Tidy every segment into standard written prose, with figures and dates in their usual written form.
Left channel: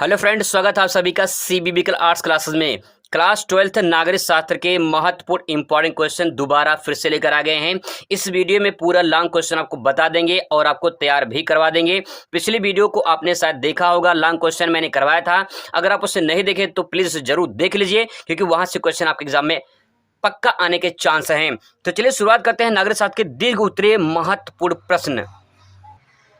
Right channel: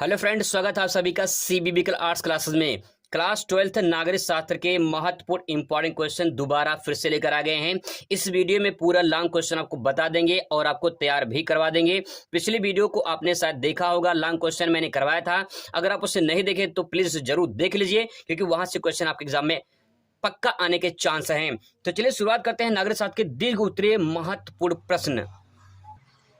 Hello friends, स्वागत है आप सभी का सीबीबी आर्ट्स क्लासेस में। क्लास 12th नागरिक शास्त्र के महत्वपूर्ण इंपॉर्टेंट क्वेश्चन दोबारा फिर से लेकर आ गए हैं। इस वीडियो में पूरा लॉन्ग क्वेश्चन आपको बता देंगे और आपको तैयार भी करवा देंगे। पिछली वीडियो को आपने शायद देखा होगा, लॉन्ग क्वेश्चन मैंने करवाया था। अगर आप उसे नहीं देखे तो प्लीज जरूर देख लीजिए, क्योंकि वहां से क्वेश्चन आपके एग्जाम में पक्का आने के चांस हैं। तो चलिए शुरुआत करते हैं नागरिक शास्त्र के दीर्घ उत्तरीय महत्वपूर्ण प्रश्न।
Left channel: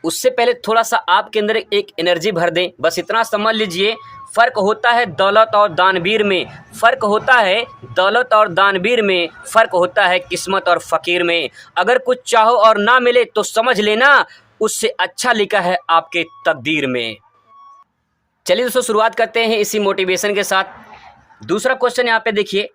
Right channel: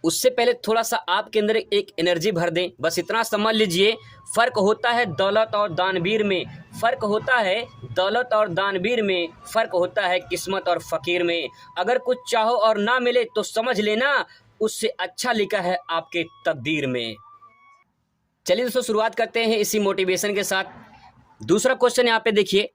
उससे पहले थोड़ा सा आपके अंदर एक एनर्जी भर दें, बस इतना समझ लीजिए। फर्क होता है दौलत और दानवीर में, फर्क होता है दौलत और दानवीर में, फर्क होता है किस्मत और फकीर में। अगर कुछ चाहो और ना मिले तो समझ लेना उससे अच्छा लिखा है आपके तकदीर में। चलिए दोस्तों शुरुआत करते हैं इसी मोटिवेशन के साथ। दूसरा क्वेश्चन यहाँ पे देखिए,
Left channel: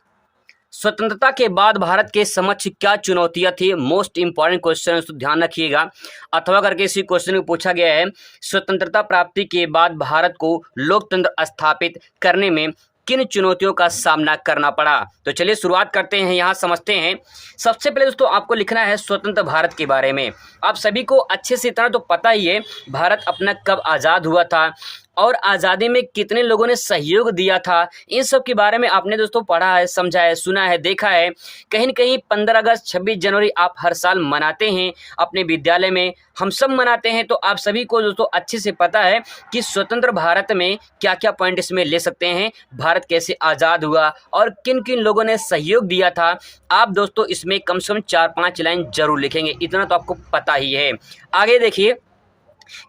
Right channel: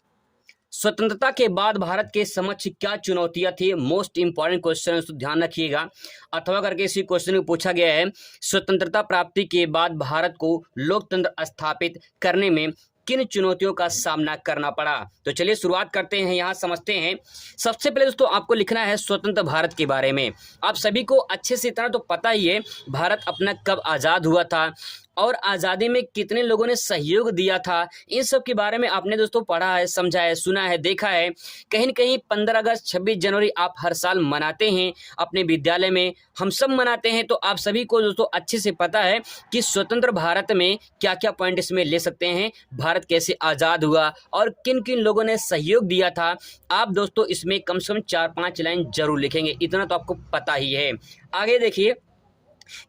स्वतंत्रता के बाद भारत के समक्ष क्या चुनौतियां थी। मोस्ट इंपॉर्टेंट क्वेश्चन, तो ध्यान रखिएगा। अथवा करके इसी क्वेश्चन को पूछा गया है, स्वतंत्रता प्राप्ति के बाद भारत को लोकतंत्र स्थापित करने में किन चुनौतियों का सामना करना पड़ा। तो चलिए शुरुआत करते हैं, यहाँ समझते हैं। सबसे पहले दोस्तों आपको लिखना है स्वतंत्र भारत के बारे में। आप सभी को अच्छे से इतना तो पता ही है भारत अपना कब आज़ाद हुआ था और आज़ादी में कितने लोगों ने सहयोग दिया था। इन सब के बारे में आपने दोस्तों पढ़ा है, समझा है, सुना है, देखा है। कहीं न कहीं 15 अगस्त 26 जनवरी आप हर साल मनाते हैं अपने विद्यालय में, हम सब मनाते हैं। तो आप सभी को दोस्तों अच्छे से पता है कि स्वतंत्र भारत में क्या क्या पॉइंट इसमें ले सकते हैं, भारत कैसे आज़ाद हुआ और किन किन लोगों ने सहयोग दिया था। आप दोस्तों इसमें कम से कम 4-5 लाइन जरूर लिखेंगे, इतना तो आपको पता ही है। आगे देखिए,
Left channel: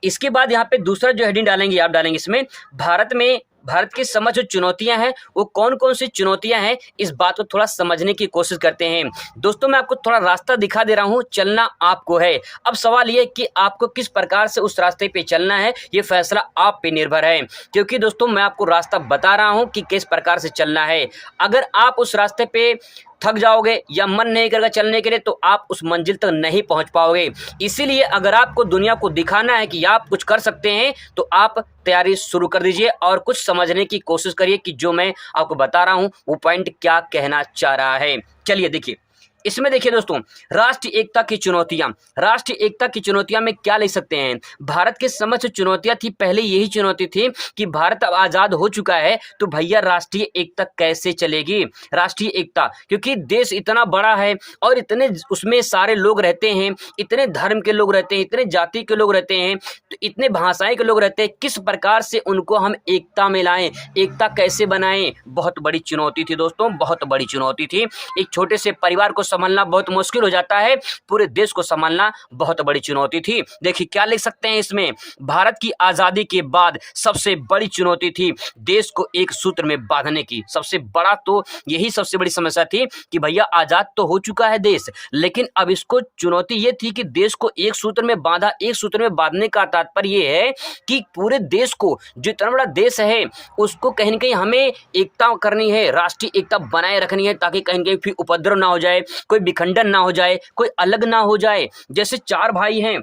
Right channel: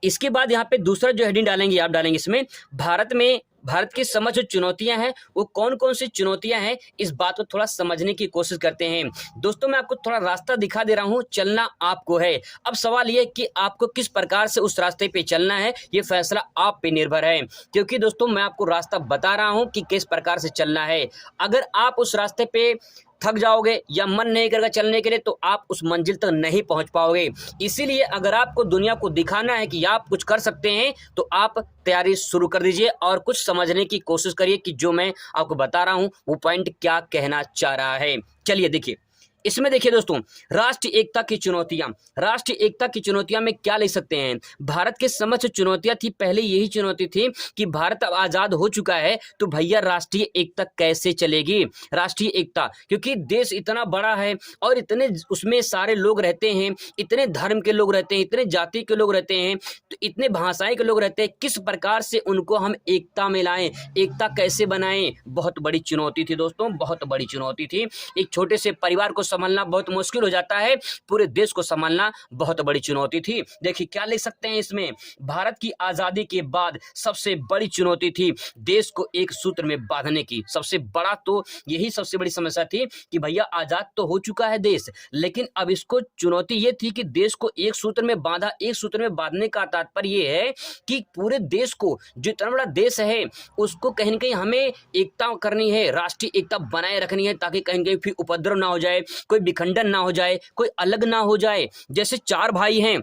इसके बाद यहाँ पे दूसरा जो हेडिंग डालेंगे आप डालेंगे इसमें भारत की समझ जो चुनौतियां हैं वो कौन कौन सी चुनौतियां हैं, इस बात को थोड़ा समझने की कोशिश करते हैं। दोस्तों मैं आपको थोड़ा रास्ता दिखा दे रहा हूं, चलना आपको है। अब सवाल ये कि आपको किस प्रकार से उस रास्ते पे चलना है, ये फैसला आप पे निर्भर है। क्योंकि दोस्तों मैं आपको रास्ता बता रहा हूं कि किस प्रकार से चलना है। अगर आप उस रास्ते पे थक जाओगे या मन नहीं करेगा चलने के लिए तो आप उस मंजिल तक नहीं पहुंच पाओगे। इसीलिए अगर आपको दुनिया को दिखाना है कि आप कुछ कर सकते हैं तो आप तैयारी शुरू कर दीजिए और कुछ समझने की कोशिश करिए कि जो मैं आपको बता रहा हूं वो पॉइंट क्या कहना चाह रहा है। चलिए देखिए, इसमें देखिए दोस्तों, राष्ट्रीय एकता की चुनौतियां। राष्ट्रीय एकता की चुनौतियां में क्या ले सकते हैं। भारत की समक्ष चुनौतियां थी, पहले यही चुनौती थी कि भारत अब आजाद हो चुका है तो भैया राष्ट्रीय एकता कैसे चलेगी। राष्ट्रीय एकता, क्योंकि देश इतना बड़ा है और इतने उसमें सारे लोग रहते हैं, इतने धर्म के लोग रहते हैं, इतने जाति के लोग रहते हैं, तो इतने भाषाएं के लोग रहते हैं, किस प्रकार से उनको हम एकता में लाएं, एकता कैसे बनाएं। बहुत बड़ी चुनौती थी दोस्तों, बहुत बड़ी चुनौती थी। एक छोटे से परिवार को संभालना बहुत मुश्किल हो जाता है, पूरे देश को संभालना बहुत बड़ी चुनौती थी। देखिए क्या लिख सकते हैं इसमें, भारत की आजादी के बाद सबसे बड़ी चुनौती थी देश को एक सूत्र में बांधने की। सबसे बड़ा तो यही सबसे बड़ी समस्या थी कि भैया आजाद तो हो चुका है देश, लेकिन अब इसको चुनौती ये थी कि देश को एक सूत्र में बांधा। एक सूत्र में बांधने का तात्पर्य ये है कि पूरे देश को, जो इतना बड़ा देश है उसको कहीं ना कहीं हमें एकता करनी है, राष्ट्रीय एकता बनाए रखनी है, ताकि कहीं कहीं फिर उपद्रव ना हो जाए, कोई विखंडन ना हो जाए, कोई अलग ना हो जाए। जैसे 4 भाई हैं,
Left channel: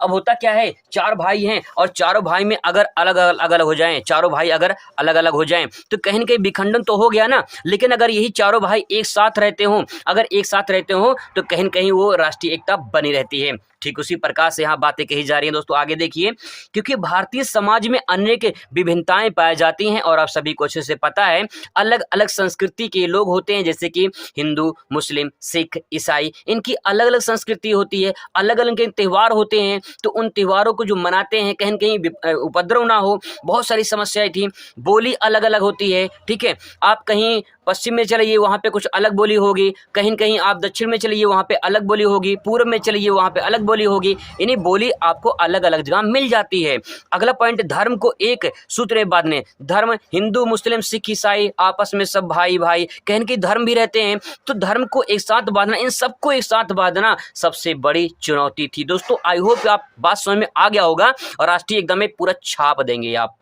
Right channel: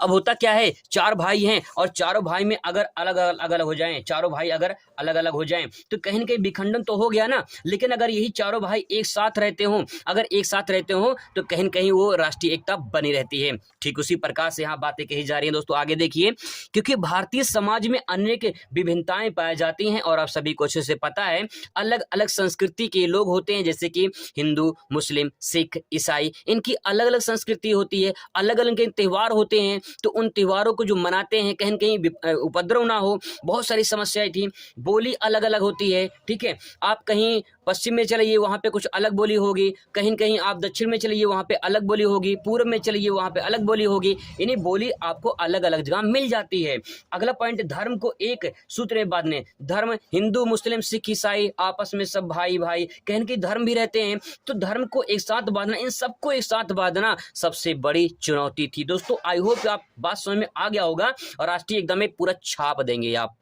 अब होता क्या है, 4 भाई हैं और चारों भाई में अगर अलग अलग हो जाएं, चारों भाई अगर अलग अलग हो जाएं तो कहीं न कहीं विखंडन तो हो गया ना। लेकिन अगर यही चारों भाई एक साथ रहते हों, अगर एक साथ रहते हों तो कहीं न कहीं वो राष्ट्रीय एकता बनी रहती है। ठीक उसी प्रकार से यहाँ बातें कही जा रही हैं दोस्तों। आगे देखिए, क्योंकि भारतीय समाज में अनेक विभिन्नताएं पाई जाती हैं और आप सभी को अच्छे से पता है अलग अलग संस्कृति के लोग होते हैं, जैसे कि हिंदू, मुस्लिम, सिख, ईसाई, इनकी अलग अलग संस्कृति होती है, अलग अलग के त्यौहार होते हैं। तो उन त्योहारों को जो मनाते हैं कहीं कहीं उपद्रव ना हो, बहुत सारी समस्याएं थी। बोली अलग अलग होती है, ठीक है। आप कहीं पश्चिम में चलिए वहाँ पे कुछ अलग बोली होगी, कहीं कहीं आप दक्षिण में चलिए वहाँ पे अलग बोली होगी, पूर्व में चलिए वहाँ पे अलग बोली होगी। यानी बोली आपको अलग अलग जगह मिल जाती है। अगला पॉइंट, धर्म को एक सूत्र में बांधने। धर्म, हिंदू, मुस्लिम, सिख, ईसाई आपस में सब भाई भाई, कहीं कहीं धर्म भी रहते हैं, तो धर्म को एक साथ बांधना, इन सबको एक साथ बांधना सबसे बड़ी चुनौती थी दोस्तों। आई होप आप बात समझ में आ गया होगा और राष्ट्रीय एकदम में पूरा छाप देंगे आप।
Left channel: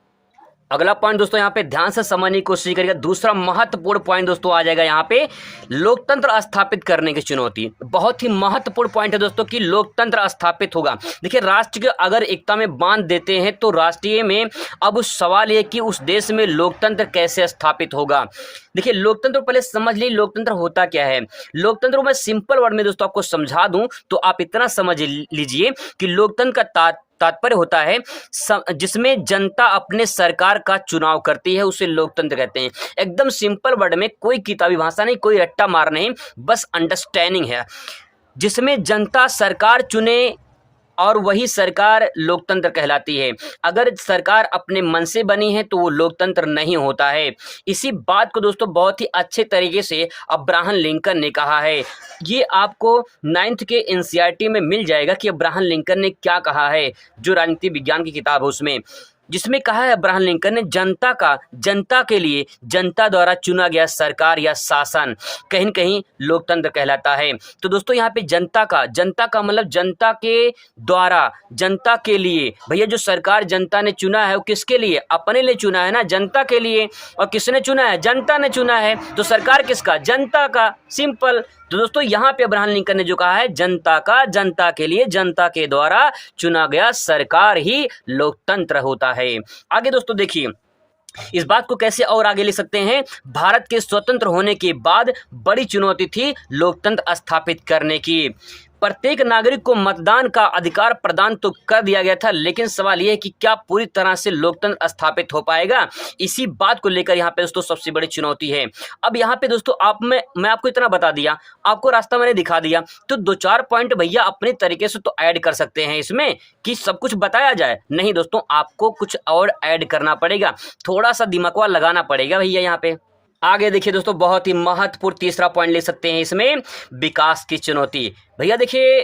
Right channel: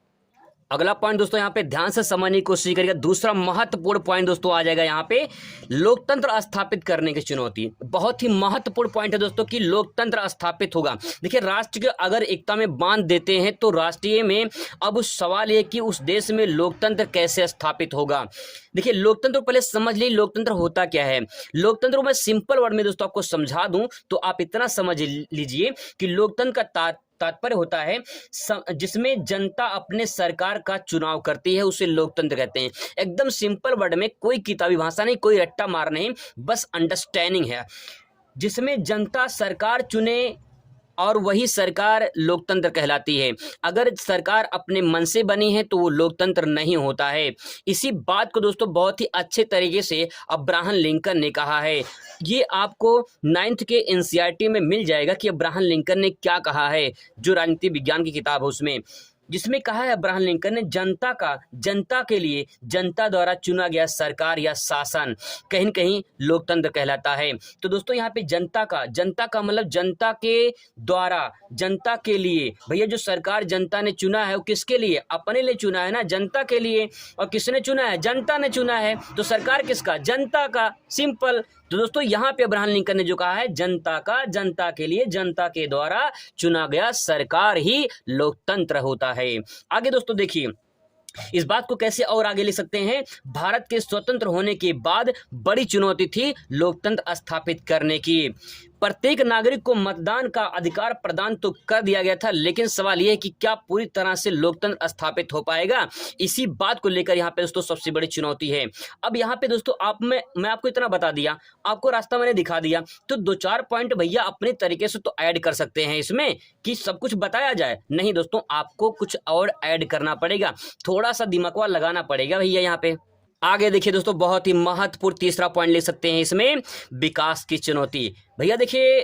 अगला पॉइंट दोस्तों यहाँ पे ध्यान से समझने की कोशिश करिएगा। दूसरा महत्वपूर्ण पॉइंट दोस्तों आ जाएगा यहाँ पे, लोकतंत्र स्थापित करने की चुनौती। बहुत ही महत्वपूर्ण पॉइंट है दोस्तों कि लोकतंत्र स्थापित होगा। देखिए राष्ट्र के अगर एकता में बांध देते हैं तो राष्ट्रीय में अब सवाल ये कि उस देश में लोकतंत्र कैसे स्थापित होगा। देखिए लोकतंत्र पहले समझ लीजिए लोकतंत्र होता क्या है। लोकतंत्र को मैं सिंपल वर्ड में दोस्तों आपको समझा दूं तो आप इतना समझ लीजिए कि लोकतंत्र का तात्पर्य होता है जिसमें जनता अपने सरकार का चुनाव करती है, उसे लोकतंत्र कहते हैं। एकदम सिंपल वर्ड में, कोई किताबी भाषा नहीं, कोई रट्टा मार नहीं, बस अंडरस्टैंडिंग है। जिसमें जनता सरकार चुने और वही सरकार लोकतंत्र कहलाती है। अगर सरकार अपने मन से बनी है तो वो लोकतंत्र नहीं होता है। इसी बात को दोस्तों बहुत ही अच्छे तरीके से अब्राहम लिंकन ने कहा है। ये आपको 9th के एनसीईआरटी में मिल जाएगा कि अब्राहम लिंकन ने क्या कहा है, जो राजनीति विज्ञान की किताब है उसमें, जिसमें कहा है अब्राहम लिंकन ने, जनता के लिए जनता द्वारा चुना गया सरकार या शासन कहीं न कहीं लोकतंत्र कहलाता है। तो दोस्तों यहाँ पे जनता का मतलब जनता के द्वारा, जनता के लिए। भैया जो सरकार जनता ने चुना है वो किसके लिए? अपने लिए चुना है ना, जनता के लिए। और किसने चुना है? जनता ने चुना है। तो सरकार किसका? जनता का। सिंपल। तो दोस्तों यहाँ पे अब्राहम लिंकन ने जो कहा है, जनता के लिए, जनता के द्वारा चुना गया सरकार ही लोकतंत्र होता है। आगे दोस्तों देखिए, इस बात को कैसे और आगे ले सकते हैं। भारत के स्वतंत्र होने के बाद बड़ी चुनौती थी लोकतंत्र स्थापित करने की। प्रत्येक नागरिक को मतदान का अधिकार प्रदान तो कर दिया गया था, लेकिन सवाल यह है कि क्या पूरी तरह से लोकतंत्र स्थापित हो पाएगा? इसी बात को लेकर यहाँ पे दोस्तों सबसे बड़ी चुनौती है। अब यहाँ पे दोस्तों मैं आपको इतना बता दिया, आपको रास्ता मैंने दिखा दिया, तो 2-4 पॉइंट भैया अपने तरीके से तो ऐड कर सकते हैं इसमें कि सब कुछ बताया जाए। नहीं दोस्तों, आपको कुछ और ऐड करना पड़ेगा, थोड़ा सा दिमाग लगाना पड़ेगा भैया यहाँ पे। आगे देखिए दोस्तों, बहुत ही महत्वपूर्ण तीसरा पॉइंट ले सकते हैं इसमें, विकास की चुनौती। भैया देखिए,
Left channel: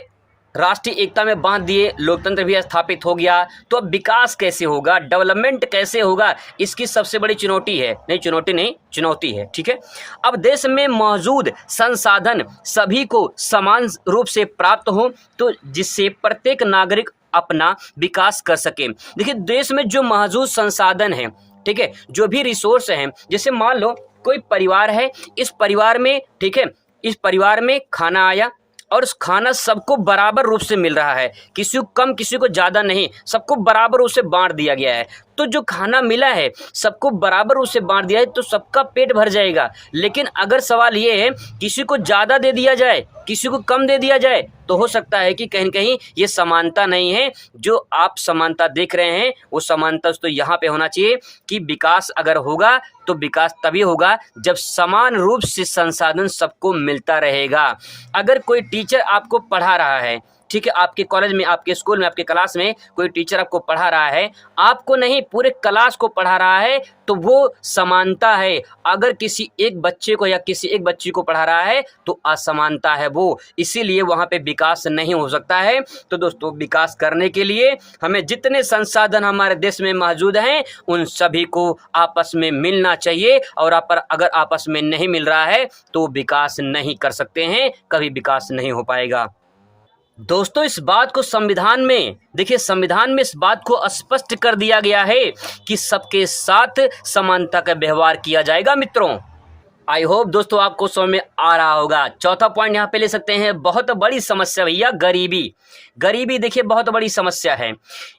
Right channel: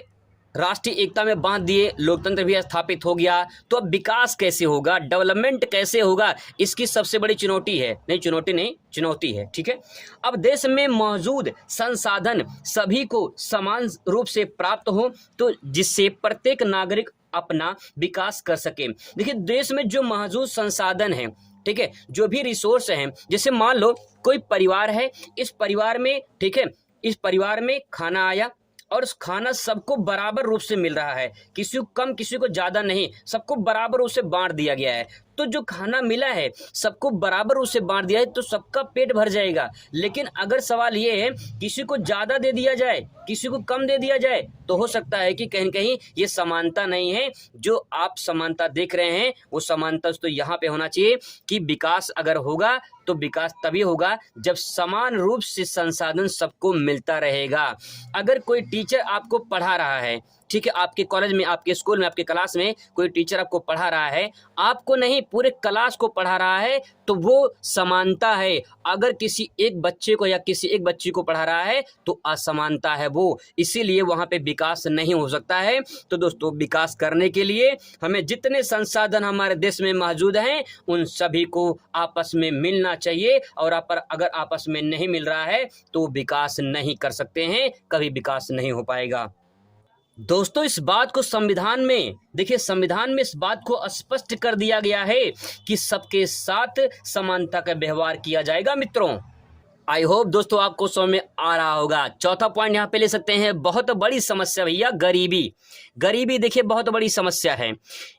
राष्ट्रीय एकता में बांध दिए, लोकतंत्र भी स्थापित हो गया, तो अब विकास कैसे होगा, डेवलपमेंट कैसे होगा, इसकी सबसे बड़ी चुनौती है। नहीं चुनौती नहीं, चुनौती है, ठीक है। अब देश में मौजूद संसाधन सभी को समान रूप से प्राप्त हो, तो जिससे प्रत्येक नागरिक अपना विकास कर सके। देखिए, देश में जो मौजूद संसाधन है, ठीक है, जो भी रिसोर्स हैं, जैसे मान लो कोई परिवार है, इस परिवार में, ठीक है, इस परिवार में खाना आया और उस खाना सबको बराबर रूप से मिल रहा है, किसी को कम किसी को ज़्यादा नहीं, सबको बराबर रूप से बांट दिया गया है। तो जो खाना मिला है सबको बराबर रूप से बांट दिया है तो सबका पेट भर जाएगा। लेकिन अगर सवाल ये है किसी को ज़्यादा दे दिया जाए, किसी को कम दे दिया जाए, तो हो सकता है कि कहीं कहीं ये समानता नहीं है। जो आप समानता देख रहे हैं वो समानता तो यहाँ पे होना चाहिए कि विकास अगर होगा तो विकास तभी होगा जब समान रूप से संसाधन सबको मिलता रहेगा। अगर कोई टीचर आपको पढ़ा रहा है, ठीक है, आपके कॉलेज में, आपके स्कूल में, आपके क्लास में कोई टीचर आपको पढ़ा रहा है, आपको नहीं पूरे क्लास को पढ़ा रहा है, तो वो समानता है। अगर किसी एक बच्चे को या किसी एक बच्ची को पढ़ा रहा है तो असमानता है वो, इसीलिए वहाँ पे विकास नहीं हो सकता है। तो दोस्तों, विकास करने के लिए हमें जितने संसाधन हमारे देश में मौजूद हैं उन सभी को आपस में मिलना चाहिए, और अगर आपस में नहीं मिल रहा है तो विकास नहीं कर सकते हैं, कभी विकास नहीं हो पाएगा। दोस्तों, इस बात को संविधान में देखिए, संविधान में इस बात को स्पष्ट कर दिया गया है कि सबके साथ समानता का व्यवहार किया जाएगा। मित्रों, आई होप दोस्तों आपको समझ में आ रहा होगा। चौथा पॉइंट यहाँ पे ले सकते हैं, बहुत बड़ी समस्या भैया, गरीबी देखिए बहुत बड़ी समस्या है।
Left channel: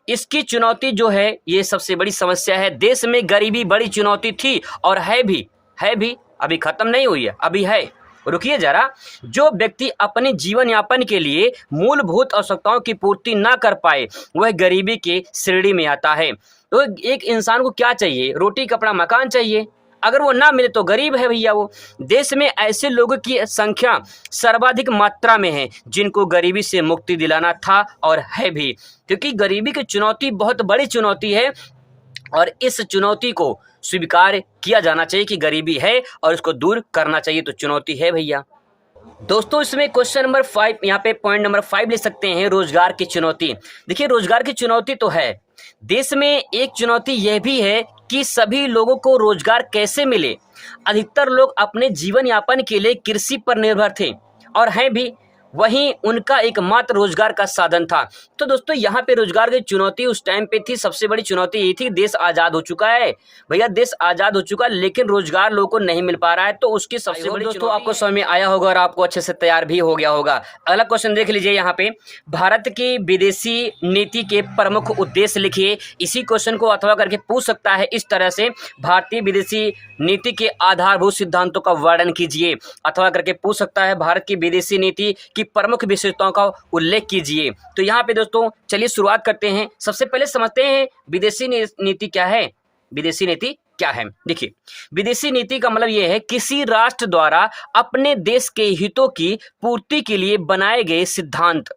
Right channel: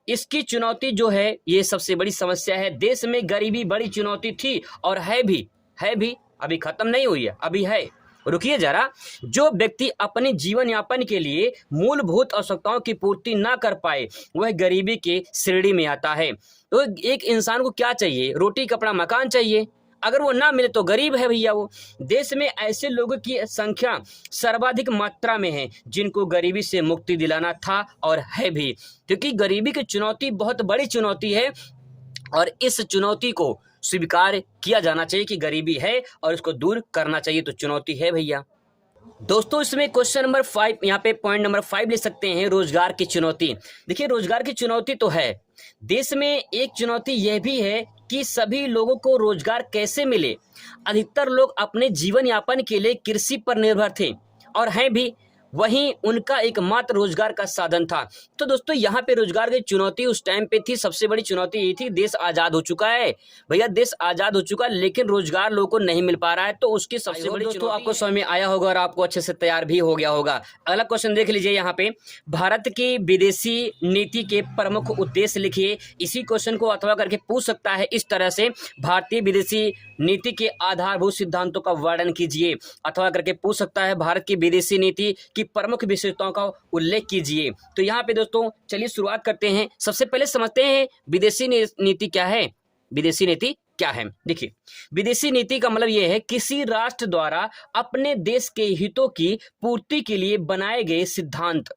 इसकी चुनौती जो है ये सबसे बड़ी समस्या है। देश में गरीबी बड़ी चुनौती थी और है भी, अभी खत्म नहीं हुई है, अभी है। रुकिए जरा, जो व्यक्ति अपने जीवन यापन के लिए मूलभूत आवश्यकताओं की पूर्ति ना कर पाए वह गरीबी की श्रेणी में आता है। तो एक इंसान को क्या चाहिए? रोटी, कपड़ा, मकान चाहिए। अगर वो ना मिले तो गरीब है भैया वो। देश में ऐसे लोगों की संख्या सर्वाधिक मात्रा में है जिनको गरीबी से मुक्ति दिलाना था और है भी, क्योंकि गरीबी की चुनौती बहुत बड़ी चुनौती है और इस चुनौती को स्वीकार किया जाना चाहिए कि गरीबी है और इसको दूर करना चाहिए। तो चुनौती है भैया। दोस्तों, इसमें क्वेश्चन नंबर 5, यहाँ पे पॉइंट नंबर 5 ले सकते हैं, रोजगार की चुनौती। देखिए, रोजगार की चुनौती तो है। देश में एक चुनौती यह भी है कि सभी लोगों को रोजगार कैसे मिले। अधिकतर लोग अपने जीवन यापन के लिए कृषि पर निर्भर थे और हैं भी, वहीं उनका एकमात्र रोजगार का साधन था। तो दोस्तों, यहाँ पे रोजगार की चुनौती उस टाइम पे थी, सबसे बड़ी चुनौती यही थी। देश आज़ाद हो चुका है भैया, देश आज़ाद हो चुका है, लेकिन रोजगार लोगों को नहीं मिल पा रहा है, तो उसकी सबसे बड़ी दोस्तों आपको समझ में आया होगा और आपको अच्छे से तैयार भी हो गया होगा। अगला क्वेश्चन देख लीजिए यहाँ पे, भारत की विदेशी नीति के प्रमुख उद्देश्य लिखिए। इसी क्वेश्चन को अथवा करके पूछ सकता है इस तरह से, भारतीय विदेशी नीति के आधारभूत सिद्धांतों का वर्णन कीजिए। अथवा करके पूछ सकता है, भारत की विदेशी नीति की प्रमुख विशेषताओं का उल्लेख कीजिए। तो यहाँ पे दोस्तों चलिए शुरुआत करते हैं। सबसे पहले समझते हैं विदेशी नीति क्या है। विदेशी नीति क्या है? देखिए, विदेशी नीति का मतलब यह है किसी राष्ट्र द्वारा अपने देश के हितों की पूर्ति के लिए बनाए गए सिद्धांत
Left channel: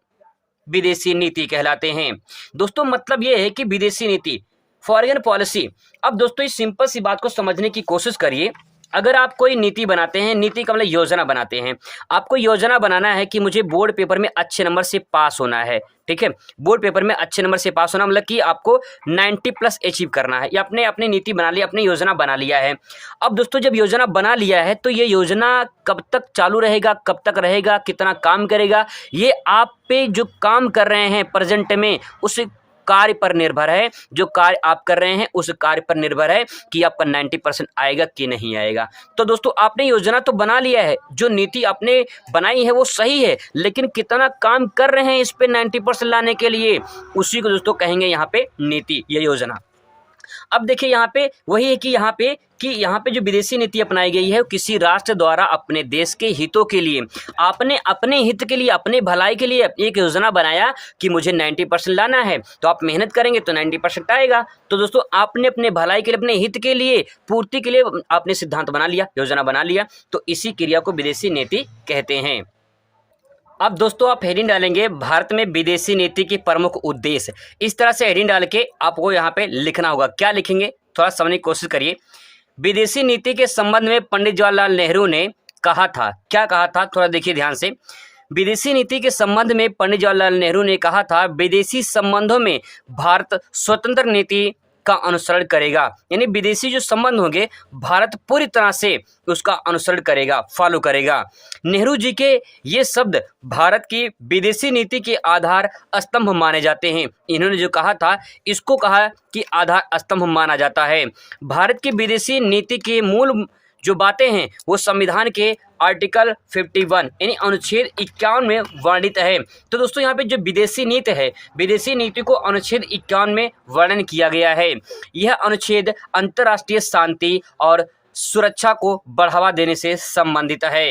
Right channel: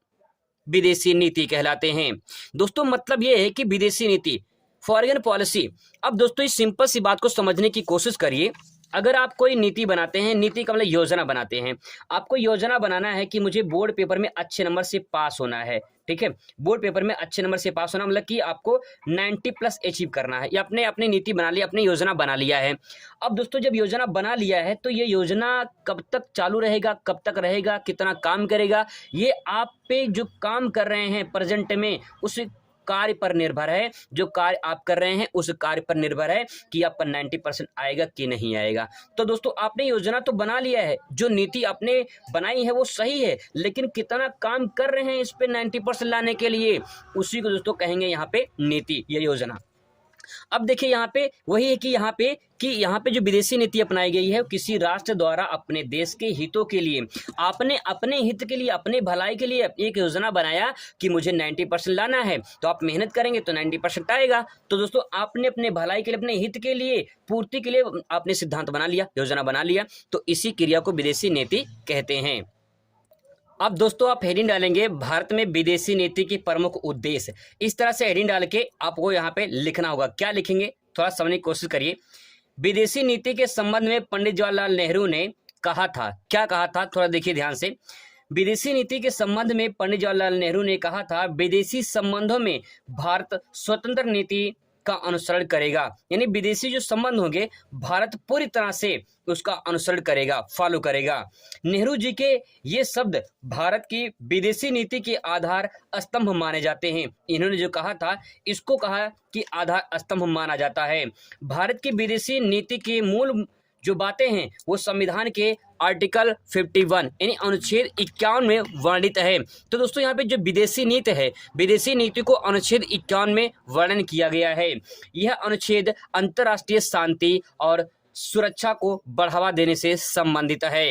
विदेशी नीति कहलाते हैं। दोस्तों मतलब यह है कि विदेशी नीति, फॉरेन पॉलिसी। अब दोस्तों इस सिंपल सी बात को समझने की कोशिश करिए। अगर आप कोई नीति बनाते हैं, नीति का मतलब योजना बनाते हैं, आपको योजना बनाना है कि मुझे बोर्ड पेपर में अच्छे नंबर से पास होना है, ठीक है। बोर्ड पेपर में अच्छे नंबर से पास होना मतलब कि आपको 90+ अचीव करना है, या आपने अपनी नीति बना ली, अपनी योजना बना लिया है। अब दोस्तों जब योजना बना लिया है तो ये योजना कब तक चालू रहेगा, कब तक रहेगा, कितना काम करेगा, ये आप पे जो काम कर रहे हैं प्रेजेंट में उस कार्य पर निर्भर है। जो कार्य आप कर रहे हैं उस कार्य पर निर्भर है कि आपका 90% आएगा कि नहीं आएगा। तो दोस्तों आपने योजना तो बना लिया है, जो नीति आपने बनाई है वो सही है, लेकिन कितना काम कर रहे हैं इस पे 90% लाने के लिए, उसी को दोस्तों कहेंगे यहाँ पे नीति या योजना। अब देखिए यहाँ पे वही है कि यहाँ पे जो विदेशी नीति अपनाई गई है वो किसी राष्ट्र द्वारा अपने देश के हितों के लिए, आपने अपने हित के लिए, अपने भलाई के लिए एक योजना बनाया कि मुझे 90% लाना है, तो आप मेहनत करेंगे तो 90% आएगा। तो दोस्तों आपने अपने भलाई के लिए, अपने हित के लिए, पूर्ति के लिए आपने सिद्धांत बना लिया, योजना बना लिया, तो इसी क्रिया को विदेशी नीति कहते हैं। अब दोस्तों आप हेडिंग डालेंगे भारत में विदेशी नीति के प्रमुख उद्देश्य। इस तरह से हेडिंग डाल के आपको यहाँ पे लिखना होगा। क्या लिखेंगे थोड़ा समझने की कोशिश करिए। विदेशी नीति के संबंध में पंडित जवाहरलाल नेहरू ने कहा था, क्या कहा था, थोड़ा देखिए ध्यान से। विदेशी नीति के संबंध में पंडित जवाहरलाल नेहरू ने कहा था, विदेशी संबंधों में भारत स्वतंत्र नीति का अनुसरण करेगा। यानी विदेशी जो संबंध होंगे भारत पूरी तरह से उसका अनुसरण करेगा, फॉलो करेगा। नेहरू जी के ये शब्द भारत की विदेशी नीति के आधार स्तंभ माने जाते हैं। इन्होंने जो कहा था इसको कहा कि आधार स्तंभ माना जाता है। भारत की विदेशी नीति के मूल जो बातें हैं वो संविधान के आर्टिकल 51 यानी अनुच्छेद 51 में वर्णित है। तो दोस्तों यहाँ पे जो विदेशी नीति है, विदेशी नीति को अनुच्छेद 51 में वर्णन किया गया है। यह अनुच्छेद अंतर्राष्ट्रीय शांति और सुरक्षा को बढ़ावा देने से संबंधित है।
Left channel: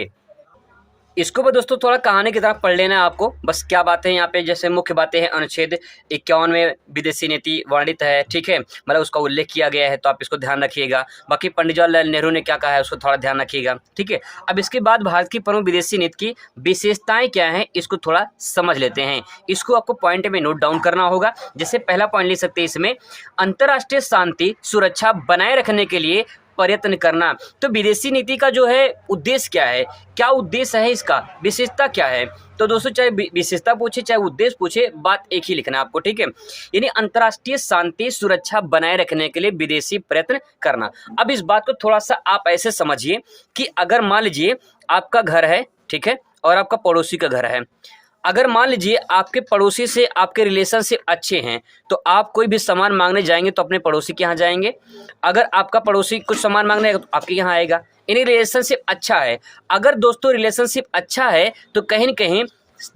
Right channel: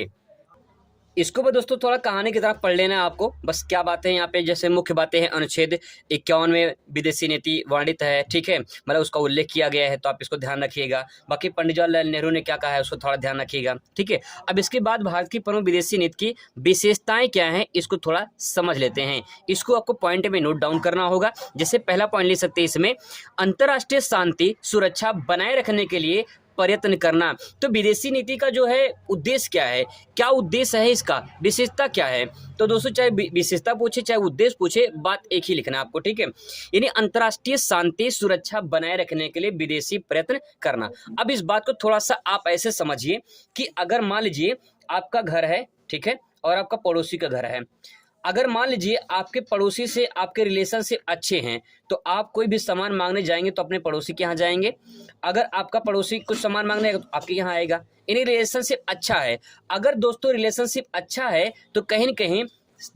इसको भी दोस्तों थोड़ा कहानी की तरह पढ़ लेना है आपको। बस क्या बातें हैं यहाँ पे, जैसे मुख्य बातें हैं, अनुच्छेद 51 में विदेशी नीति वर्णित है, ठीक है, मतलब उसका उल्लेख किया गया है, तो आप इसको ध्यान रखिएगा। बाकी पंडित जवाहरलाल नेहरू ने क्या कहा है उसको थोड़ा ध्यान रखिएगा, ठीक है। अब इसके बाद भारत की प्रमुख विदेशी नीति की विशेषताएं क्या हैं इसको थोड़ा समझ लेते हैं। इसको आपको पॉइंट में नोट डाउन करना होगा। जैसे पहला पॉइंट ले सकते हैं इसमें, अंतर्राष्ट्रीय शांति सुरक्षा बनाए रखने के लिए प्रयत्न करना। तो विदेशी नीति का जो है उद्देश्य क्या है, क्या उद्देश्य है इसका, विशेषता क्या है। तो दोस्तों चाहे विशेषता पूछे चाहे उद्देश्य पूछे, बात एक ही लिखना है आपको, ठीक है। यानी अंतर्राष्ट्रीय शांति सुरक्षा बनाए रखने के लिए विदेशी प्रयत्न करना। अब इस बात को थोड़ा सा आप ऐसे समझिए कि अगर मान लीजिए आपका घर है, ठीक है, और आपका पड़ोसी का घर है। अगर मान लीजिए आपके पड़ोसी से आपके रिलेशनशिप अच्छे हैं तो आप कोई भी सामान मांगने जाएंगे तो अपने पड़ोसी के यहाँ जाएंगे। अगर आपका पड़ोसी कुछ सामान मांगने आएगा तो आपके यहाँ आएगा। यानी रिलेशनशिप अच्छा है। अगर दोस्तों रिलेशनशिप अच्छा है तो कहीं न कहीं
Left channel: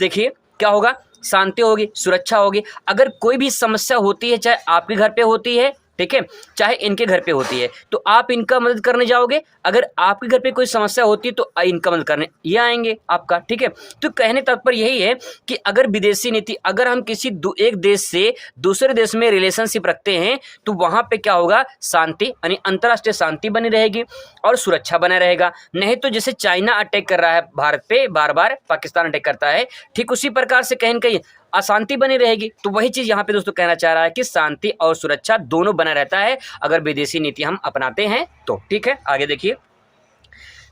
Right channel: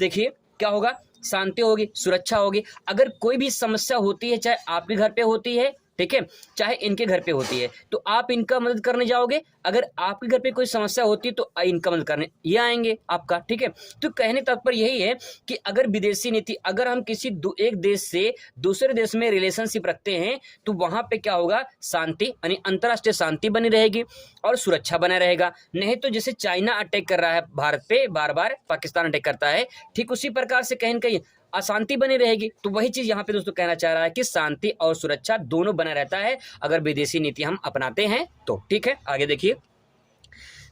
देखिए क्या होगा, शांति होगी, सुरक्षा होगी। अगर कोई भी समस्या होती है, चाहे आपके घर पे होती है, ठीक है, चाहे इनके घर पे होती है, तो आप इनका मदद करने जाओगे। अगर आपके घर पे कोई समस्या होती है तो इनका मदद करने ये आएंगे आपका, ठीक है। तो कहने तात्पर्य यही है कि अगर विदेशी नीति, अगर हम किसी एक देश से दूसरे देश में रिलेशनशिप रखते हैं तो वहाँ पे क्या होगा, शांति यानी अंतर्राष्ट्रीय शांति बनी रहेगी और सुरक्षा बना रहेगा। नहीं तो जैसे चाइना अटैक कर रहा है भारत पे, बार बार पाकिस्तान अटैक करता है, ठीक उसी प्रकार से कहीं न कहीं अशांति बनी रहेगी। तो वही चीज़ यहाँ पे दोस्तों कहना चाह रहा है कि शांति और सुरक्षा दोनों बना रहता है अगर विदेशी नीति हम अपनाते हैं तो, ठीक है। आगे देखिए,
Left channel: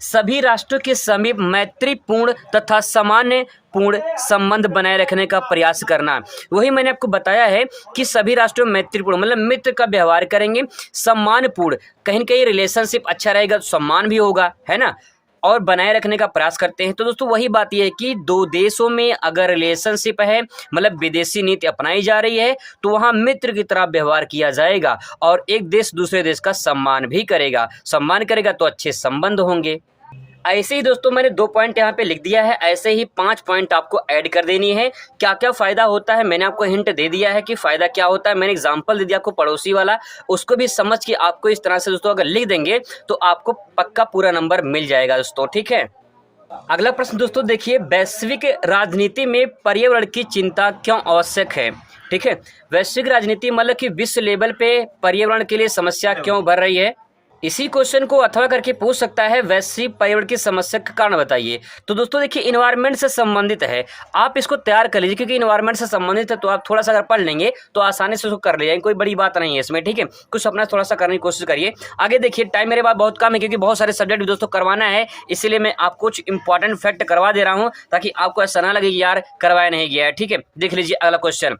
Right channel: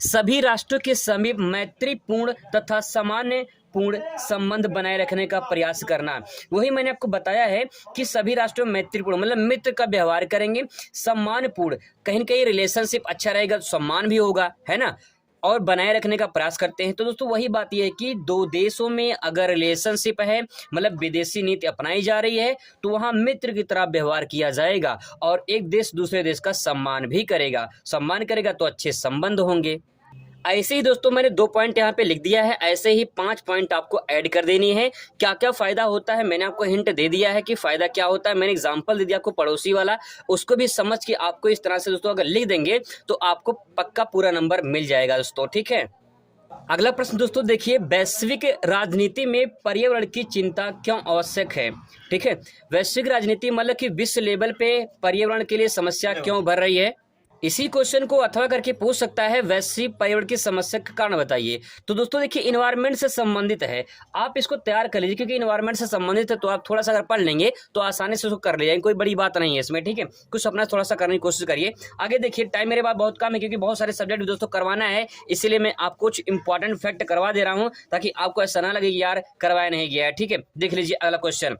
सभी राष्ट्रों के समीप मैत्रीपूर्ण तथा सामान्य पूर्ण संबंध बनाए रखने का प्रयास करना। वही मैंने आपको बताया है कि सभी राष्ट्रों में मैत्रीपूर्ण मतलब मित्र का व्यवहार करेंगे, सम्मानपूर्ण, कहीं न कहीं रिलेशनशिप अच्छा रहेगा, सम्मान भी होगा, है ना, और बनाए रखने का प्रयास करते हैं। तो दोस्तों वही बात यह है कि दो देशों में अगर रिलेशनशिप है, मतलब विदेशी नीति अपनाई जा रही है, तो वहाँ मित्र की तरह व्यवहार किया जाएगा और एक देश दूसरे देश का सम्मान भी करेगा। सम्मान करेगा तो अच्छे संबंध होंगे। ऐसे ही दोस्तों मैंने 2 पॉइंट यहाँ पे लिख दिया है, ऐसे ही 5 पॉइंट आपको ऐड कर देनी है। क्या क्या फ़ायदा होता है मैंने आपको हिंट दे दिया है कि फ़ायदा क्या होता है। मैंने एग्जांपल दे दिया आपको पड़ोसी वाला, उसको भी समझ के आपको इस तरह से दोस्तों अगर लिख देंगे तो आपको पक्का पूरा नंबर मिल जाएगा दोस्तों, ठीक है। अगला प्रश्न दोस्तों देखिए, वैश्विक राजनीति में पर्यावरण की चिंता क्यों आवश्यक है? ठीक है, वैश्विक राजनीति मतलब कि विश्व लेवल पे पर्यावरण के लिए समस्या क्यों बढ़ रही है? इसी क्वेश्चन को अथवा करके पूछ सकता है, वैश्विक पर्यावरण की समस्या का कारण बताइए। तो दोस्तों देखिए, इन्वायरमेंट से संबंधित है, आप इसको तैयार कर लीजिए, क्योंकि इन्वायरमेंट से संबंधित है तो आप थोड़ा सा अगर पढ़ लेंगे तो आसानी से उसको कर लीजिए, कोई बड़ी बात नहीं है इसमें। ठीक है, कुछ अपना थोड़ा सा करने की कोशिश करिए। आगे देखिए, टाइम मेरे पास बहुत कम है, क्योंकि बहुत सारे सब्जेक्ट दोस्तों करवाना है, इसीलिए मैं आपको कुछ इंपॉर्टेंट फैक्ट करवा दे रहा हूँ, ताकि आपको ऐसा ना लगे कि यार करवाया नहीं गया है। ठीक है, देख लीजिए अगला क्वेश्चन।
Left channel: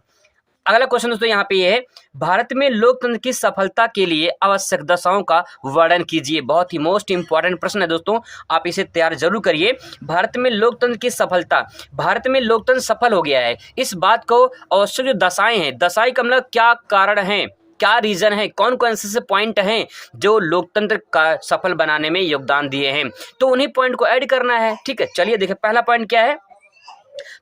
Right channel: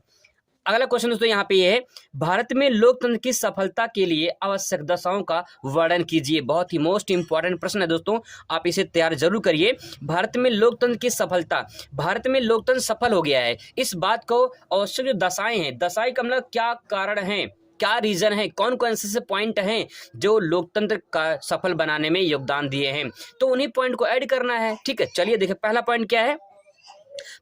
अगला क्वेश्चन दोस्तों यहाँ पे ये है, भारत में लोकतंत्र की सफलता के लिए आवश्यक दशाओं का वर्णन कीजिए। बहुत ही मोस्ट इंपॉर्टेंट प्रश्न है दोस्तों, आप इसे तैयार जरूर करिए। भारत में लोकतंत्र की सफलता, भारत में लोकतंत्र सफल हो गया है, इस बात को आवश्यक जो दशाएं हैं, दशाएं का मतलब क्या कारण है, क्या रीजन है, कौन कौन से पॉइंट हैं जो लोकतंत्र का सफल बनाने में योगदान दिए हैं, तो उन्हीं पॉइंट को ऐड करना है। ठीक है, चलिए देखिए, पहला पॉइंट क्या है,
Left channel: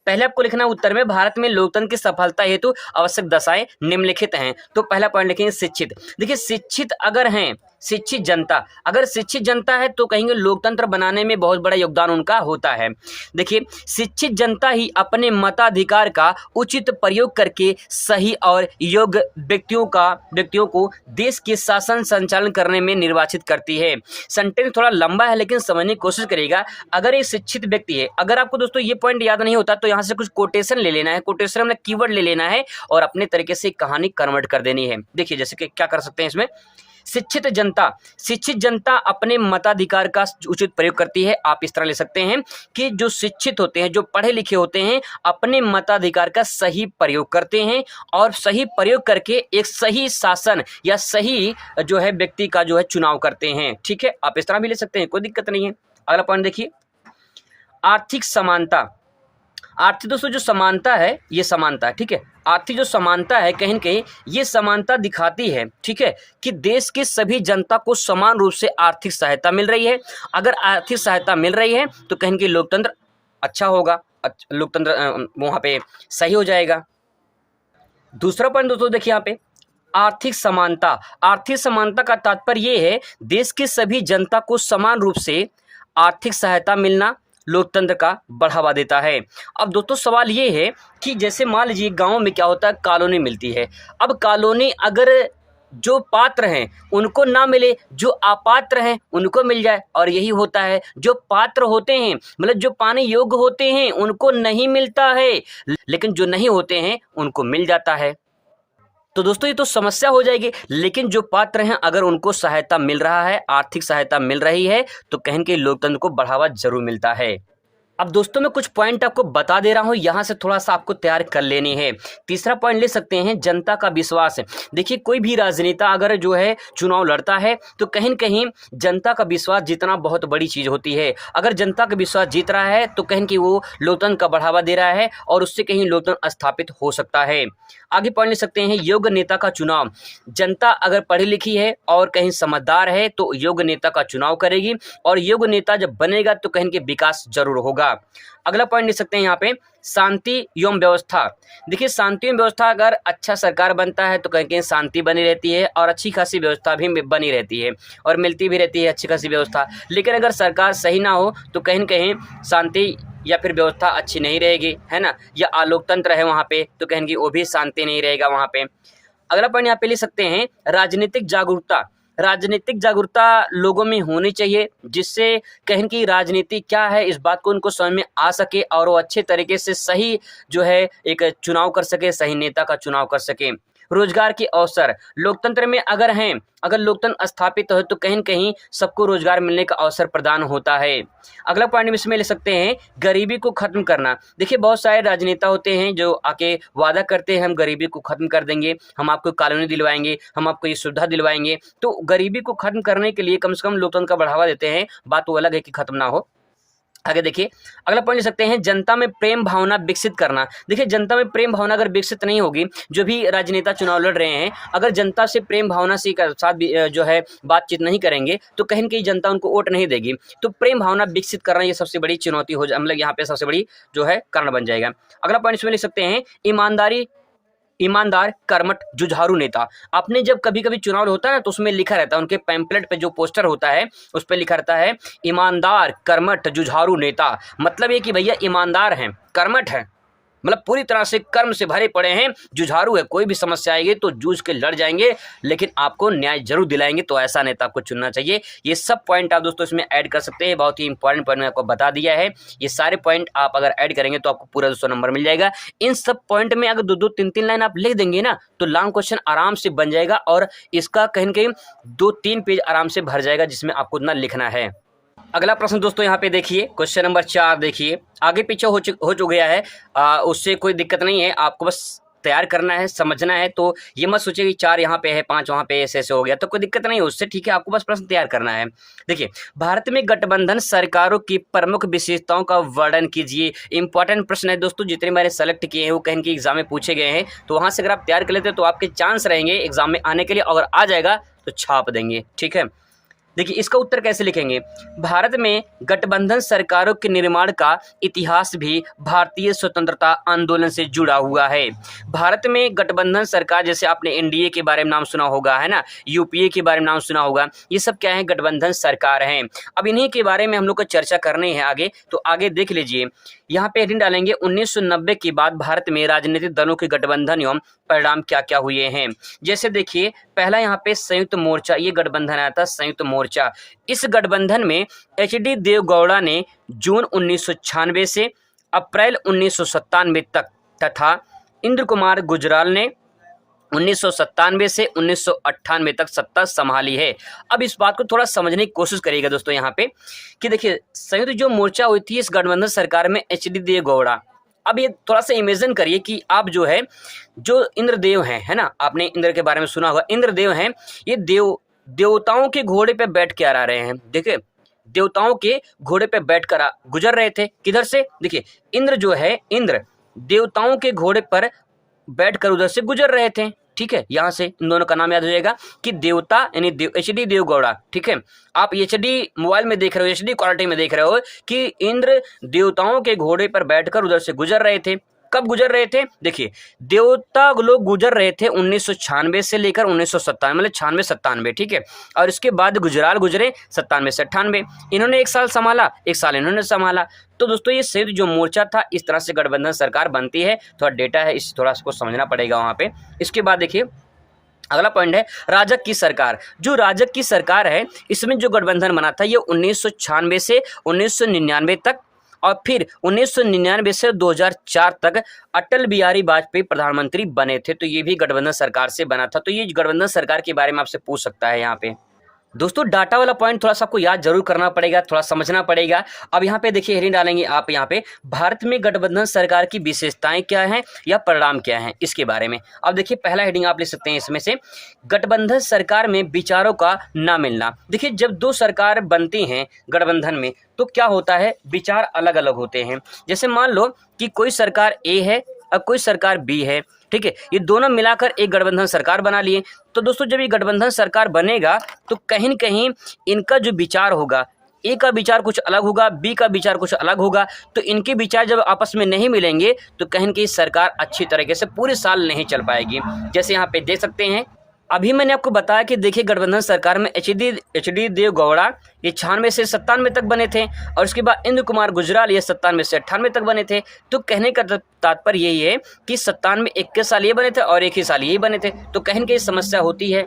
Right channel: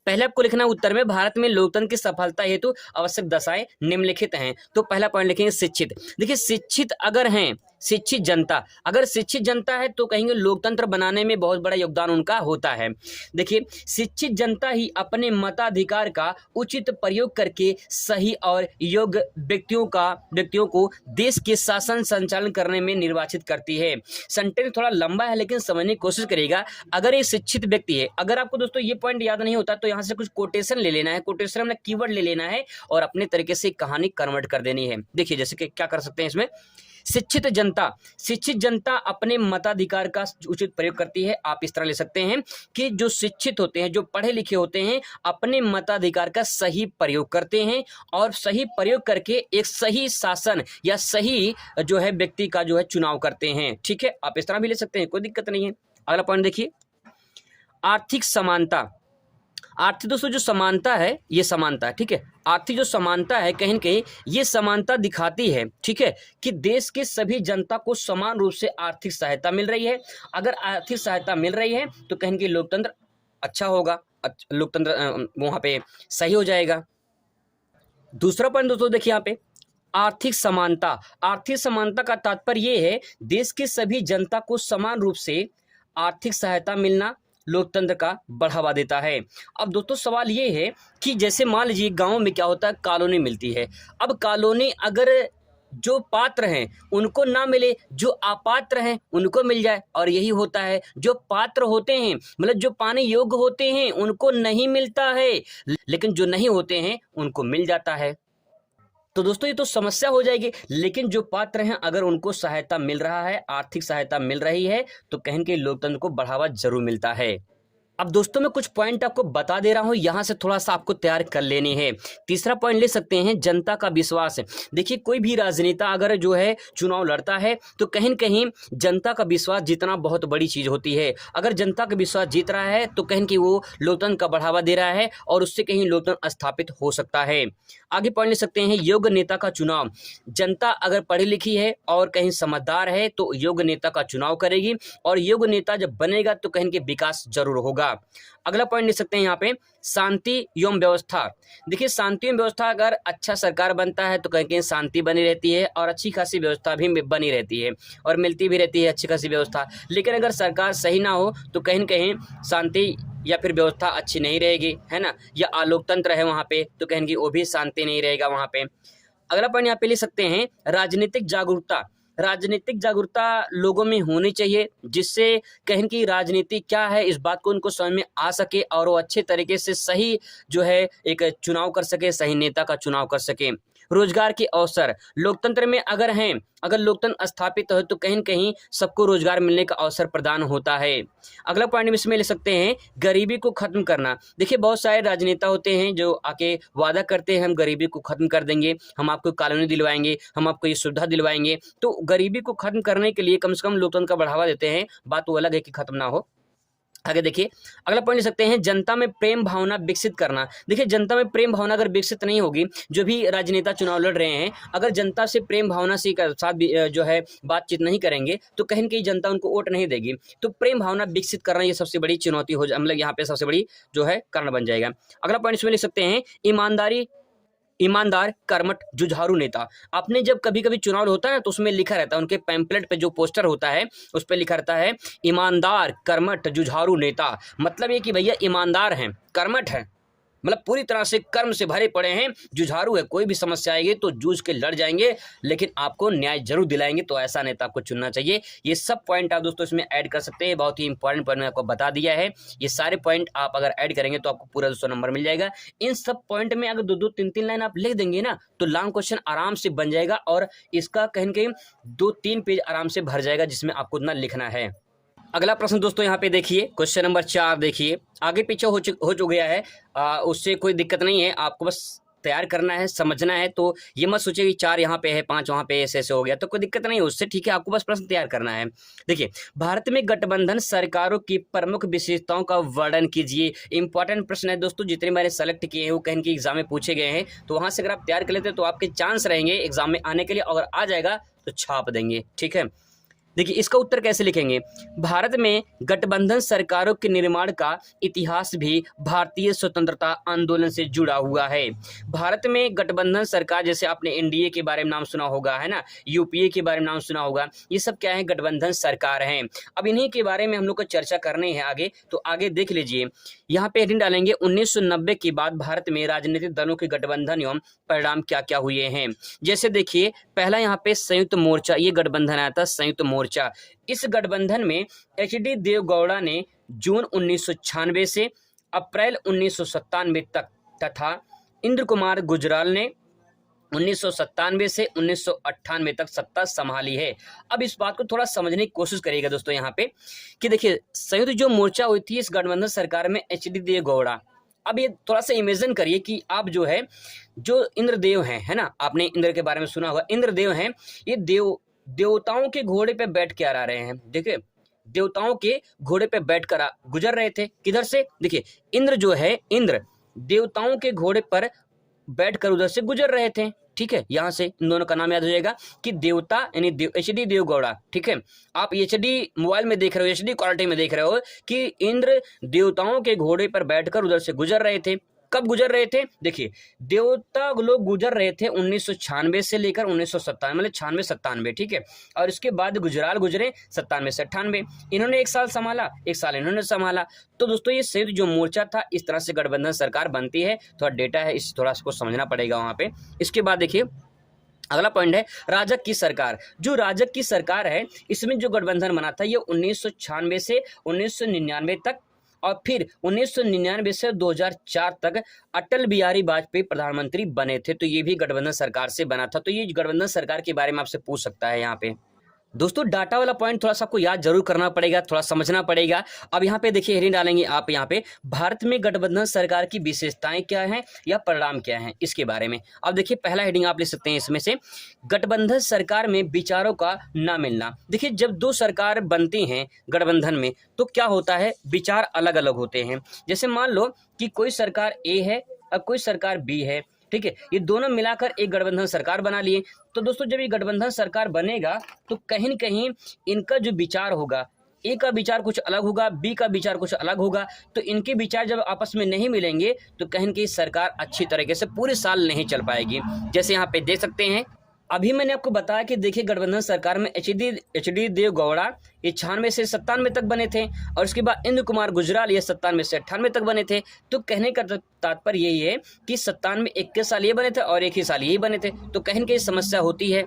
पहले आपको लिखना है उत्तर में, भारत में लोकतंत्र की सफलता हेतु आवश्यक दशाएं निम्नलिखित हैं। तो पहला पॉइंट लिखेंगे शिक्षित। देखिए, शिक्षित अगर हैं, शिक्षित जनता, अगर शिक्षित जनता है तो कहेंगे लोकतंत्र बनाने में बहुत बड़ा योगदान उनका होता है। देखिए, शिक्षित जनता ही अपने मताधिकार का उचित प्रयोग करके सही और योग्य व्यक्तियों को देश के शासन संचालन करने में निर्वाचित करती है। सेंटेंस थोड़ा लंबा है, लेकिन समझने की कोशिश करिएगा। अगर एक शिक्षित व्यक्ति है, अगर आपको दोस्तों ये पॉइंट याद नहीं होता तो यहाँ से कुछ कोटेशन ले लेना है, कोटेशन में कीवर्ड ले लेना है और अपने तरीके से कहानी कन्वर्ट कर देनी है। देखिए, जैसे कि क्या कर सकते हैं इसमें, शिक्षित जनता अपने मताधिकार का उचित प्रयोग करती है। आप इस तरह ले सकते हैं कि जो शिक्षित होते हैं, जो पढ़े लिखे होते हैं, अपने मताधिकार का सही प्रयोग करते हैं और सही प्रयोग करके एक सही शासन या सही जो है व्यक्ति का जो है चुनाव करते हैं। ठीक है, आप इस तरह भी ले सकते हैं, कोई दिक्कत नहीं है। अगला पॉइंट देखिए, आर्थिक समानता। आर्थिक दोस्तों जो समानता है, ये समानता, ठीक है, आर्थिक जो समानता है कहीं न कहीं ये समानता दिखाती है, ठीक है, कि देश के सभी जनता को समान रूप से आर्थिक सहायता मिल रही है। अगर आर्थिक सहायता मिल रही है तो कहीं न कहीं लोकतंत्र अच्छा होगा, लोकतंत्र वहाँ पे सही हो जाएगा। दूसरा पॉइंट दोस्तों देखिए यहाँ पे, आर्थिक समानता। आर्थिक समानता का तात्पर्य ये है, देश के सभी जनता को समान रूप से आर्थिक सहायता मिलना लोकतंत्र का बढ़ावा देता है। अब दोस्तों सवाल ये है कि जैसे मान लीजिए गांव में क्या होता है, कॉलोनी मिलती है। अब कॉलोनी अगर जो पात्र हैं उनको ना मिले, जो अपात्र हैं उनको मिल जाए, और यही होता है, जो पात्र होते हैं मतलब जो पाने योग्य होते हैं उनको नहीं मिलता है, लेकिन जो नहीं होते हैं उनको मिल जाता है। तो दोस्तों ये तो समस्या हो जाएगी, लेकिन जो पात्र हैं अगर उनको सहायता मिल रहा है, आर्थिक सहायता मिल रही है, तो कहीं न कहीं लोकतंत्र को बढ़ावा जरूर मिलता है। अब दोस्तों मैं कुछ पॉइंट आपको बता दे रहा हूं, यहां से थोड़ा सा आपको तैयार कर लेनी है। तीसरा पॉइंट ले सकते हैं, जनता का विश्वास। देखिए, कोई भी राजनेता अगर जो है चुनाव लड़ता है तो कहीं न कहीं जनता का विश्वास जीतना बहुत बड़ी चीज होती है। अगर जनता का विश्वास जीत रहा है तो कहीं कि वो लोकतंत्र का बढ़ावा दे रहा है और उससे कहीं लोकतंत्र स्थापित हो सकता है। आगे पॉइंट ले सकते हैं, योग्य नेता का चुनाव। जनता अगर पढ़ी लिखी है और कहीं समझदार है तो योग्य नेता का चुनाव करेगी, और योग्य नेता जब बनेगा तो कहीं के विकास जरूर होगा। अगला पॉइंट ले सकते हैं यहाँ पे, शांति एवं व्यवस्था। देखिए, शांति एवं व्यवस्था, अगर अच्छा सरकार बनता है तो कहीं शांति बनी रहती है और अच्छी खासी व्यवस्था भी बनी रहती है और मिलती भी रहती है अच्छी खासी व्यवस्था। लेकिन अगर सरकार सही ना हो तो कहीं न कहीं शांति या फिर व्यवस्था अच्छी नहीं रहेगी, है ना, या अलोकतंत्र है वहाँ पे तो कहीं वो भी शांति नहीं रहेगा वहाँ पे। अगला पॉइंट यहाँ पे ले सकते हैं, राजनीतिक जागरूकता। राजनीतिक जागरूकता लोगों में होनी चाहिए, जिससे कहीं की राजनीति क्या है इस बात को उनको समझ में आ सके और वो अच्छे तरीके से सही जो है एक चुनाव कर सके, सही नेता का चुनाव कर सके। रोजगार के अवसर लोकतंत्र में अगर हैं, अगर लोकतंत्र स्थापित हो तो कहीं न कहीं सबको रोजगार मिलने का अवसर प्रदान होता है। अगला पॉइंट इसमें ले सकते हैं, गरीबी को खत्म करना। देखिए, बहुत सारे राजनेता होते हैं जो आके वादा करते हैं हम गरीबी को खत्म कर देंगे, हम आपको कॉलोनी दिलवाएंगे, हम आपको ये सुविधा दिलवाएंगे। तो गरीबी को खत्म करने के लिए कम से कम लोकतंत्र का बढ़ावा देते हैं, बात वो अलग है कि खत्म ना हो। आगे देखिए, अगला पॉइंट ले सकते हैं, जनता में प्रेम भावना विकसित करना। देखिए, जनता में प्रेम भावना अगर विकसित नहीं होगी, जो भी राजनेता चुनाव लड़ रहे हैं अगर जनता से प्रेम भावना से साथ जो है बातचीत नहीं करेंगे तो कहीं न कहीं जनता उनको वोट नहीं देगी। तो प्रेम भावना विकसित करना ये सबसे बड़ी चुनौती हो मतलब यहाँ पे सबसे बड़ी जो है कारण बन जाएगा। अगला पॉइंट इसमें ले सकते हैं, ईमानदारी ईमानदार, कर्मठ, जुझारू नेता। आपने जब कभी कभी चुनाव होता है ना तो उसमें लिखा रहता है, उनके पैम्पलेट पे जो पोस्टर होता है उस पर लिखा रहता है ईमानदार, कर्मठ, जुझारू नेता। मतलब ये कि भैया ईमानदार हैं, कर्मठ हैं, मतलब पूरी तरह से कर्म से भरे पड़े हैं, जुझारू है, कोई भी समस्या आएगी तो जूझ के लड़ जाएंगे, लेकिन आपको न्याय जरूर दिलाएंगे। तो ऐसा नेता आपको चुनना चाहिए। ये सब पॉइंट आप दोस्तों इसमें ऐड कर सकते हैं, बहुत ही इंपॉर्टेंट पॉइंट मैंने आपको बता दिया है। ये सारे पॉइंट आप अगर ऐड करेंगे तो आपको पूरा 200 नंबर मिल जाएगा। इन सब पॉइंट में अगर 2-2, 3-3 लाइन आप लिख देंगे ना तो लॉन्ग क्वेश्चन आराम से बन जाएगा, और इसका कहीं न कहीं 2-3 पेज आराम से भर जाएगा जिसमें आपको उतना लिखना है। अगला प्रश्न दोस्तों यहाँ पे देखिए, क्वेश्चन नंबर 4 देखिए, आगे पीछे हो चुक गया है, उससे कोई दिक्कत नहीं है, आपको बस तैयार करना है, समझना है। तो ये मत सोचिए कि 4 यहाँ पे है, 5 वहाँ पे, ऐसे हो गया तो कोई दिक्कत नहीं है उससे, ठीक है। आपको बस प्रश्न तैयार करना है। देखिए, भारत में गठबंधन सरकारों की प्रमुख विशेषताओं का वर्णन कीजिए। इंपॉर्टेंट प्रश्न है दोस्तों, जितने मैंने सेलेक्ट किए हैं वो कहीं के एग्जाम में पूछे गए हैं, तो वहाँ से अगर आप तैयार कर लेते हो तो आपके चांस रहेंगे एग्जाम में आने के लिए। अगर आ जाएगा तो छाप देंगे, ठीक है। देखिए, इसका उत्तर कैसे लिखेंगे। भारत में गठबंधन सरकारों के निर्माण का इतिहास भी भारतीय स्वतंत्रता आंदोलन से जुड़ा हुआ है। भारत में गठबंधन सरकार, जैसे आपने एनडीए के बारे में नाम सुना होगा, है ना, यूपीए के बारे में नाम सुना होगा, ये सब क्या है, गठबंधन सरकार हैं। अब इन्हीं के बारे में हम लोग को चर्चा करनी है आगे, तो आगे देख लीजिए। यहाँ पे हेडिंग डालेंगे 1990 के बाद भारत में राजनीतिक दलों के गठबंधन एवं परिणाम क्या क्या हुए हैं। जैसे देखिए, पहला यहाँ पे संयुक्त मोर्चा, ये गठबंधन आया था, संयुक्त मोर्चा। इस गठबंधन में एच.डी. देवगौड़ा ने जून 1996 से अप्रैल 1997 तक तथा इंद्र कुमार गुजराल ने 1997 से 1998 तक सत्ता संभाली है। अब इस बात को थोड़ा समझने की कोशिश करिएगा दोस्तों यहाँ पे, कि देखिए, संयुक्त जो मोर्चा हुई थी इस गठबंधन सरकार में एच.डी. देवगौड़ा। अब ये थोड़ा सा इमेजिन करिए कि आप जो है, जो इंद्रदेव हैं, है ना, आपने इंद्र के बारे में सुना होगा, इंद्रदेव हैं, ये देवताओं के घोड़े पे बैठ के आ रहे हैं। देखिए, देवताओं के घोड़े पे बैठ कर गुजर रहे थे, किधर से, देखिए, इंद्र जो है, इंद्र देवताओं के घोड़े पर बैठकर उधर से गुजर रहे थे, ठीक है। यहाँ से इन दोनों का नाम याद हो जाएगा कि देवता यानी एच.डी. देवगौड़ा, ठीक है। आप एच.डी. मोबाइल में देख रहे हो, एच.डी. क्वालिटी में देख रहे हो कि इंद्र देवताओं के घोड़े पर बैठकर उधर से गुजर रहे थे। कब गुजर रहे थे, देखिए, देवता लोग गुजर रहे थे 1996 से लेकर 1997, मतलब 96-97, ठीक है। और इसके बाद गुजराल गुजरे 97 से 98। इन्होंने 1 साल संभाला, 1 साल इन्होंने संभाला। तो दोस्तों, ये संयुक्त जो मोर्चा था, इस तरह से गठबंधन सरकार बनती है। थोड़ा डेटा है, इस थोड़ा सा समझना पड़ेगा वहाँ पे। इसके बाद देखिए, अगला पॉइंट है राजग की सरकार। जो राजग की सरकार है, इसमें जो गठबंधन बना था ये 1996 से 1999 तक, और फिर 1999 से 2004 तक अटल बिहारी वाजपेयी प्रधानमंत्री बने थे। तो ये भी गठबंधन सरकार से बना था। तो ये गठबंधन सरकार के बारे में आपसे पूछ सकता है यहाँ पे। दोस्तों, डाटा वाला पॉइंट थोड़ा सा आपको याद जरूर करना पड़ेगा, थोड़ा समझना पड़ेगा। अब यहाँ पे देखिए, हेडिंग डालेंगे आप यहाँ पे, भारत में गठबंधन सरकार की विशेषताएं क्या हैं या परिणाम क्या हैं, इसके बारे में। अब देखिए, पहला हेडिंग आप ले सकते हैं इसमें से, गठबंधन सरकार में विचारों का ना मिलना। देखिए, जब 2 सरकार बनती हैं गठबंधन में तो क्या होता है, विचार अलग अलग होते हैं। जैसे मान लो कि कोई सरकार ए है और कोई सरकार बी है, ठीक है, ये दोनों मिलाकर एक गठबंधन सरकार बना लिए। तो दोस्तों, जब ये गठबंधन सरकार बनेगा तो कहीं न कहीं इनका जो विचार होगा, ए का विचार कुछ अलग होगा, बी का विचार कुछ अलग होगा। तो इनके विचार जब आपस में नहीं मिलेंगे तो कहीं न कहीं सरकार अच्छी तरीके से पूरे साल नहीं चल पाएगी। जैसे यहाँ पे देख सकते हैं, अभी मैंने आपको बताया कि देखिए, गठबंधन सरकार में एच.डी. देवगौड़ा ये 96 से 97 तक बने थे, और उसके बाद इंद्र कुमार गुजराल ये 97 से 98 तक बने थे। तो कहने का तात्पर्य यही है कि 97 एक के साल ये बने थे और एक ही साल ये बने थे। तो कहीं न कहीं समस्या होती है।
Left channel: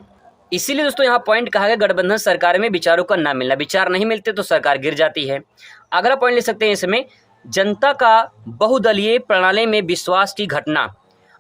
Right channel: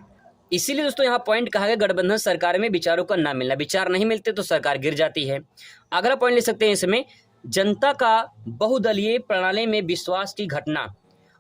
इसीलिए दोस्तों, यहाँ पॉइंट कहा गया, गठबंधन सरकार में विचारों का ना मिलना। विचार नहीं मिलते तो सरकार गिर जाती है। अगला पॉइंट ले सकते हैं इसमें, जनता का बहुदलीय प्रणाली में विश्वास की घटना।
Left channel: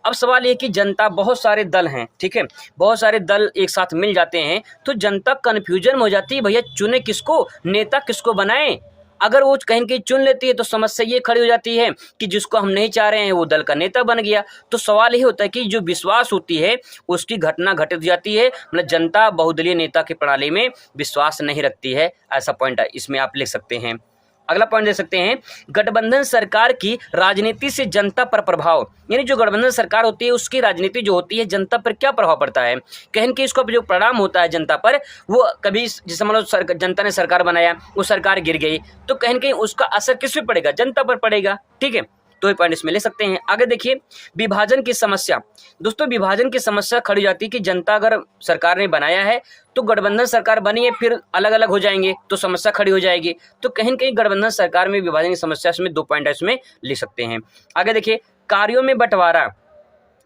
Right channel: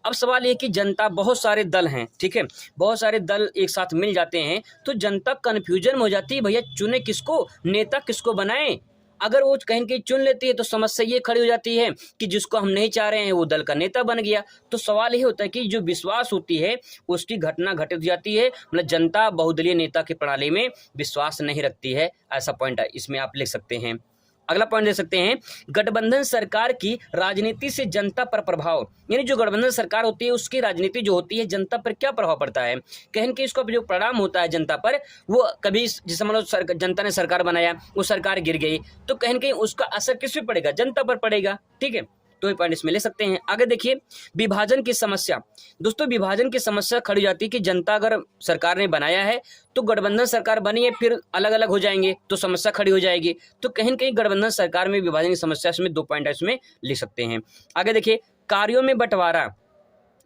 अब सवाल ये कि जनता, बहुत सारे दल हैं, ठीक है, बहुत सारे दल एक साथ मिल जाते हैं तो जनता कन्फ्यूजन में हो जाती है, भैया चुने किसको, नेता किसको बनाएं। अगर वो कहीं कहीं चुन लेती है तो समस्या ये खड़ी हो जाती है कि जिसको हम नहीं चाह रहे हैं वो दल का नेता बन गया। तो सवाल ये होता है कि जो विश्वास होती है उसकी घटना घटित हो जाती है, मतलब जनता बहुदलीय नेता की प्रणाली में विश्वास नहीं रखती है। ऐसा पॉइंट इसमें आप लिख सकते हैं। अगला पॉइंट दे सकते हैं, गठबंधन सरकार की राजनीति से जनता पर प्रभाव। यानी जो गठबंधन सरकार होती है उसकी राजनीति जो होती है जनता पर क्या प्रभाव पड़ता है। कहीं कि इसका जो परिणाम होता है जनता पर, वो कभी जैसे मान लो जनता ने सरकार बनाया, वो सरकार गिर गई, तो कहीं उसका असर किस पे पड़ेगा, जनता पर पड़ेगा, ठीक है। तो ये पॉइंट इसमें ले सकते हैं। आगे देखिए, विभाजन की समस्या। दोस्तों विभाजन की समस्या खड़ी जाती है कि जनता अगर सरकार ने बनाया है तो गठबंधन सरकार बनी है, फिर अलग अलग हो जाएंगे तो समस्या खड़ी हो जाएगी। तो कहीं न कहीं गठबंधन सरकार में विभाजन की समस्या, इसमें 2 पॉइंट इसमें लिख सकते हैं। आगे देखिए, कार्यों में बंटवारा।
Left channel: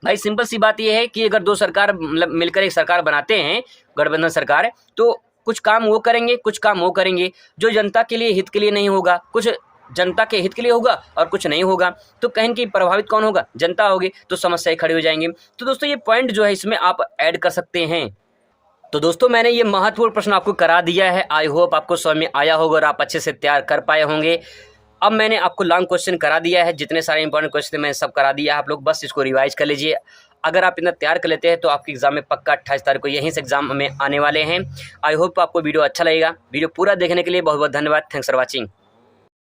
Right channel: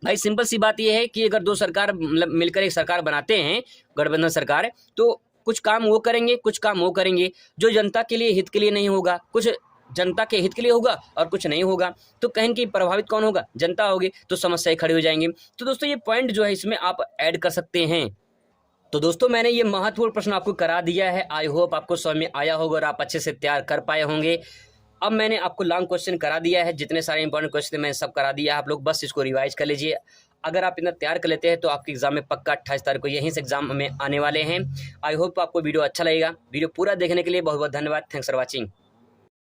भाई सिंपल सी बात यह है कि अगर 2 सरकार मतलब मिलकर एक सरकार बनाते हैं, गठबंधन सरकार, तो कुछ काम वो करेंगे, कुछ काम वो करेंगे, जो जनता के लिए, हित के लिए नहीं होगा, कुछ जनता के हित के लिए होगा और कुछ नहीं होगा। तो कहीं कि प्रभावित कौन होगा? जनता होगी, तो समस्याएं खड़ी हो जाएंगी। तो दोस्तों ये पॉइंट जो है इसमें आप ऐड कर सकते हैं। तो दोस्तों मैंने ये महत्वपूर्ण प्रश्न आपको करा दिया है। आई होप आपको समझ में आया होगा और आप अच्छे से तैयार कर पाए होंगे। अब मैंने आपको लॉन्ग क्वेश्चन करा दिया है, जितने सारे इंपॉर्टेंट क्वेश्चन थे मैंने सब करा दिया है। आप लोग बस इसको रिवाइज कर लीजिए। अगर आप इतना तैयार कर लेते हैं तो आपके एग्जाम में पक्का 28 तारीख को यहीं से एग्जाम में आने वाले हैं। आई होप आपको वीडियो अच्छा लगेगा। वीडियो पूरा देखने के लिए बहुत बहुत धन्यवाद। Thanks for watching.